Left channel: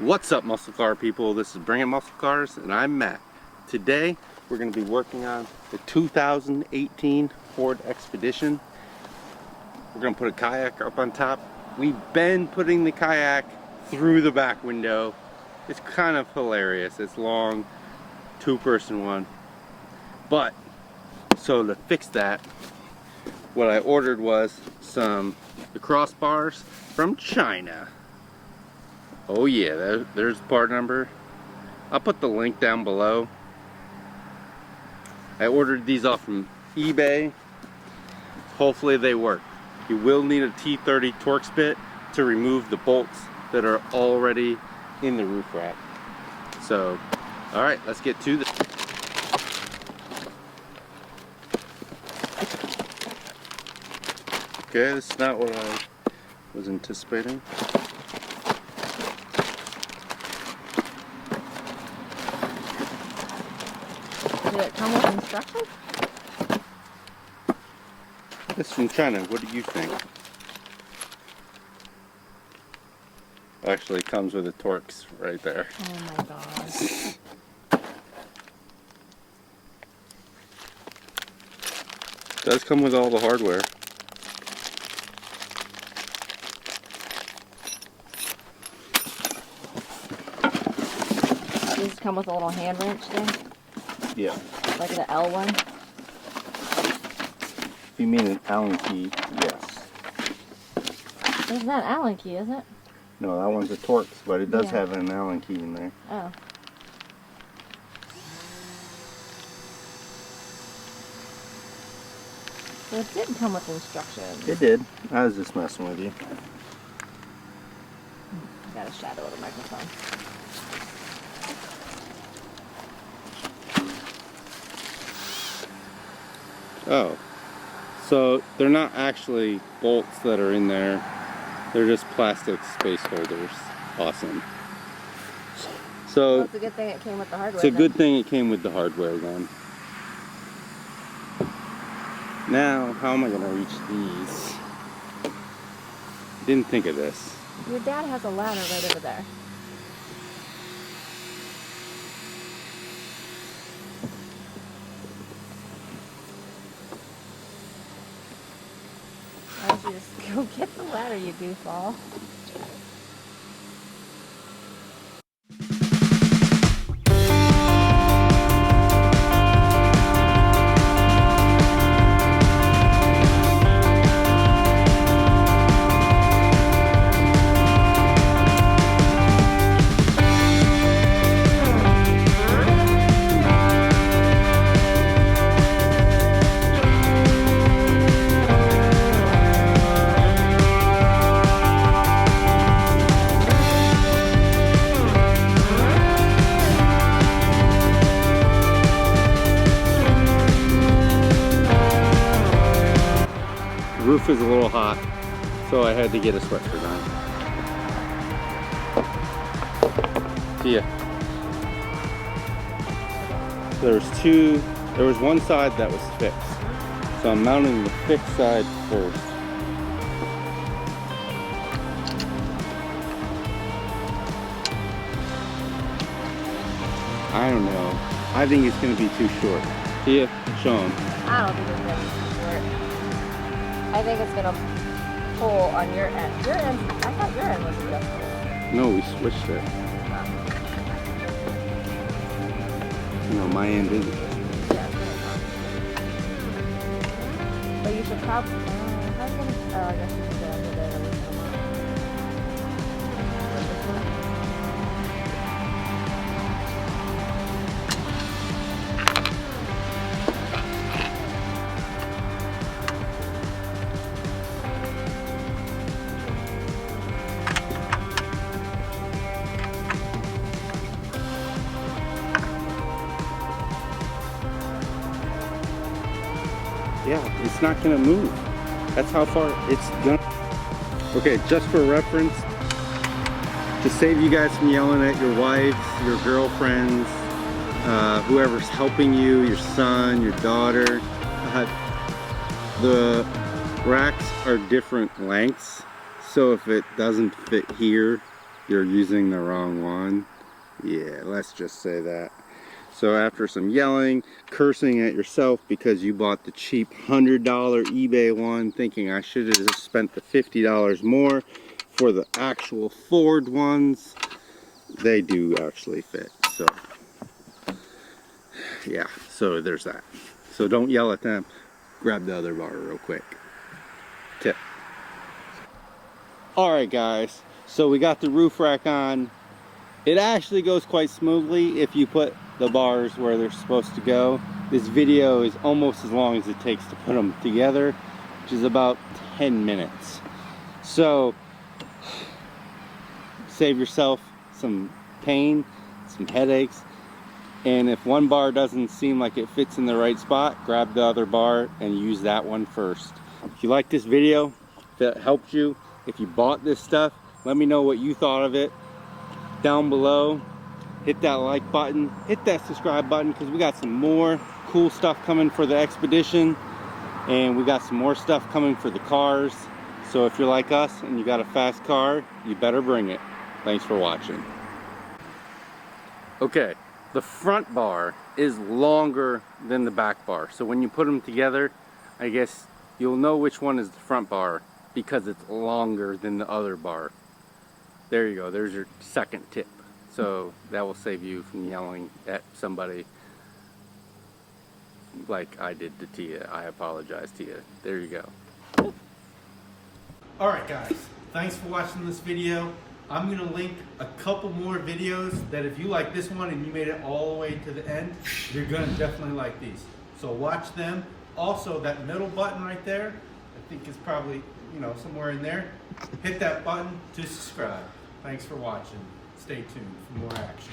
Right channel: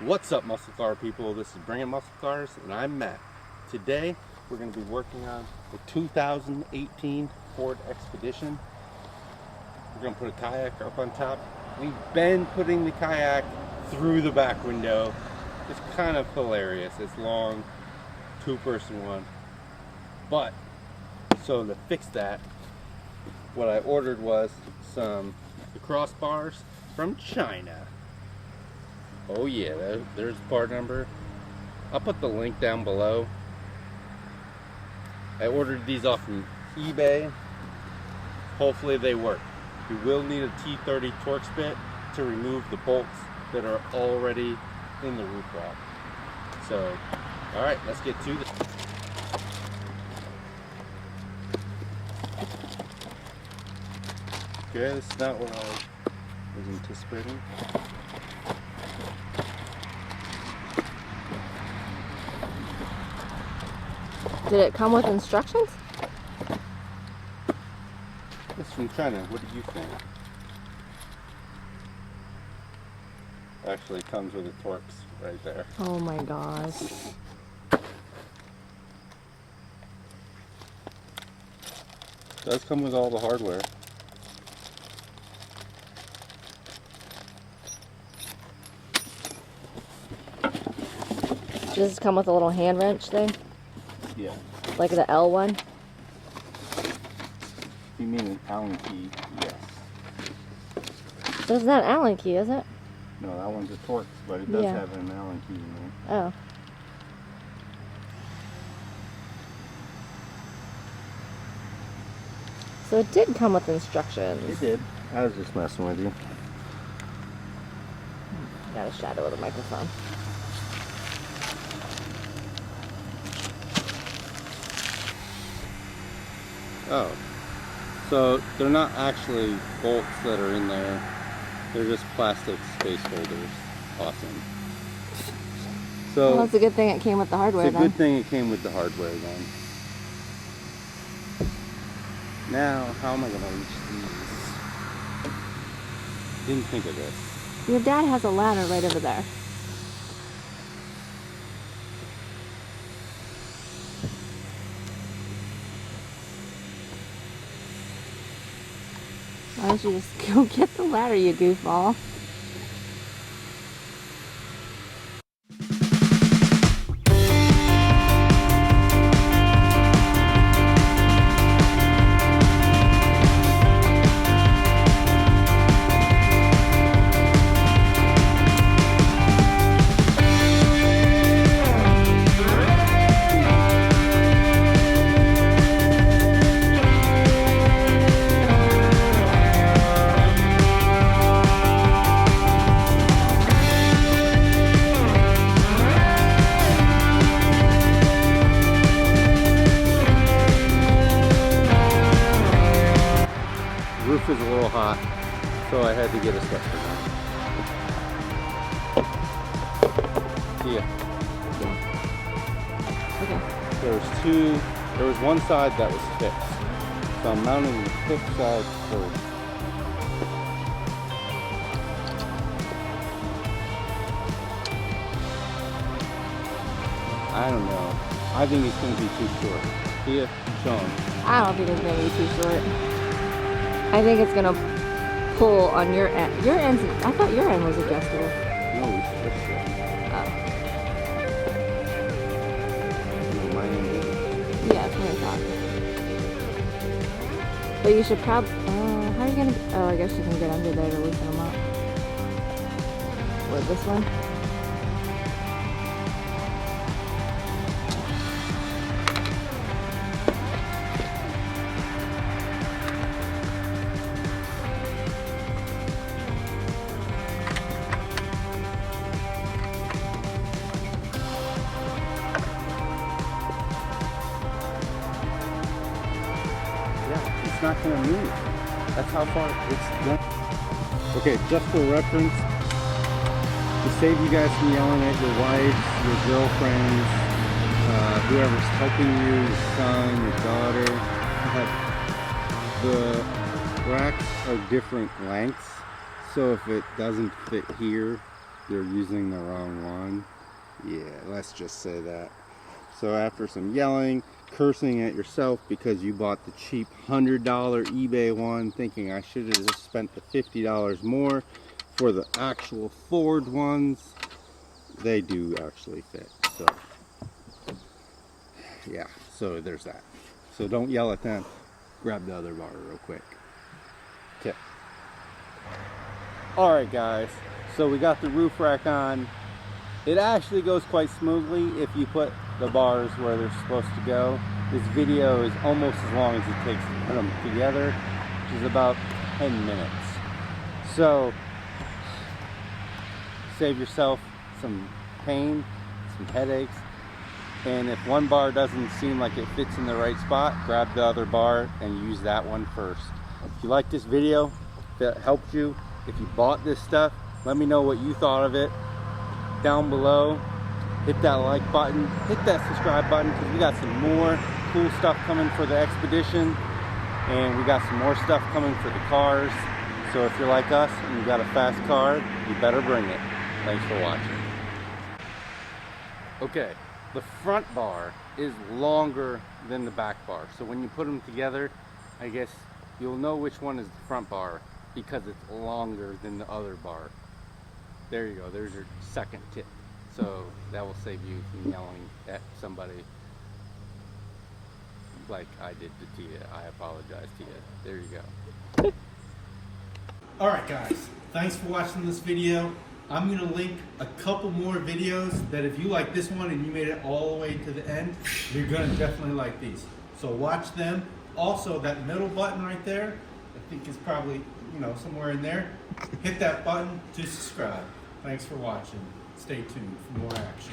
What's up, muscle car people? This is Bringing Muscle Cars and I'm Matt. Today we're going to be working on the 2018 Ford Expedition. We're going to put a kayak up on top. We've been putting the kayak through the back window. It's kind of hilarious. It's long, two-person one. But so to fix that, what I ordered was the crossbars from China. Oh yeah, there's the part number. I'll put the link down below. I ordered these off from eBay. Hopefully they work. You will need a T30 Torx bit to remove the bolts that are already in the roof rack. So, alright, let's get to this. Okay, this is not what I was anticipating. Did it come with instructions? This is from China. What do you think? Actually, it comes with a Torx right there. Oh my gosh. It does come with all the hardware. Does this come with a little hand wrench thing? Yeah. Like the L one? If you mean an Allen key, yes. This is not Allen key, is it? No, that one's a Torx, but it does Yeah. have an Allen key in there. Oh. So it did come with instructions. It did. I was just messing with you. Got a shadow of the microphone. Oh. So they're not actually bolts that are in there. They're just plastic space holders. Awesome. So Well, it's a good thing it came with the hardware it's a then. good thing it came with the hardware then. Now, how am I going to reach these? Didn't think of this. Your dad has a ladder right over there. Why don't you just go get the ladder, you goofball? The roof was a little hot, so I had to get a sweatshirt on. See ya. There was one side that was fixed. So I'm mounting the fixed side first. I don't know. I think it's going to be too short. See ya, Sean. I don't think it's gonna be too short. I think it's gonna pull on your end. Your end, I thought your end was adjustable. No, we switched it. No, my end isn't. Yeah, that's what I thought. But you should probably, how are you gonna, oh, I guess you can get under there to loosen them up. Or this one? Yeah, it's not gonna move. That's how far it's gonna. Okay, just for reference, to save you guys from yelling at your wives, your girlfriends, whoever's helping you, your son, your daughter, the racks are different lengths. So if it doesn't fit here, you're using the wrong one. Yeah, let's just say that. So after some yelling, cursing at yourself because you bought the cheap $100 eBay one, thinking I should have just spent the $50 more for the actual Ford ones, they do actually fit. So yeah, so there's that. So don't yell at them. Grab the other bar real quick. Tip. Alright guys, so we got the roof rack on. It actually goes quite smoothly if you put the bars where they're supposed to go. This video is almost as long as it takes to put them together, which is about 10 minutes. So save yourself some pain, some headaches, and if one bar doesn't seem like it fits in the right spot, grab the other bar and use that one first. If you like this video, if it helped you, if you bought this stuff, let me know what you thought of it down below. Hit that like button, hit that subscribe button, because we got some more cool stuff coming for the Expedition, and we got some more stuff coming for the cars. So if you're like us and you got a fast car, you better bring it. Thanks for watching. Okay, the front bar is longer than the back bar, so when you put them together, I guess you'll know which one is the front bar because it's longer than the other bar. There you go, there's your second tip. So that will save you from yelling at somebody like I did to Tia. I apologize, Tia. There you go. Alright guys, thanks for watching this video. I'm going to link a couple more videos that if you like this one and you made it all the way to the end, you're going to definitely like these. So watch them. Also, that middle button right there, I think is probably, somewhere in there. Hit that button to subscribe. Thanks for watching. Stay tuned for more action.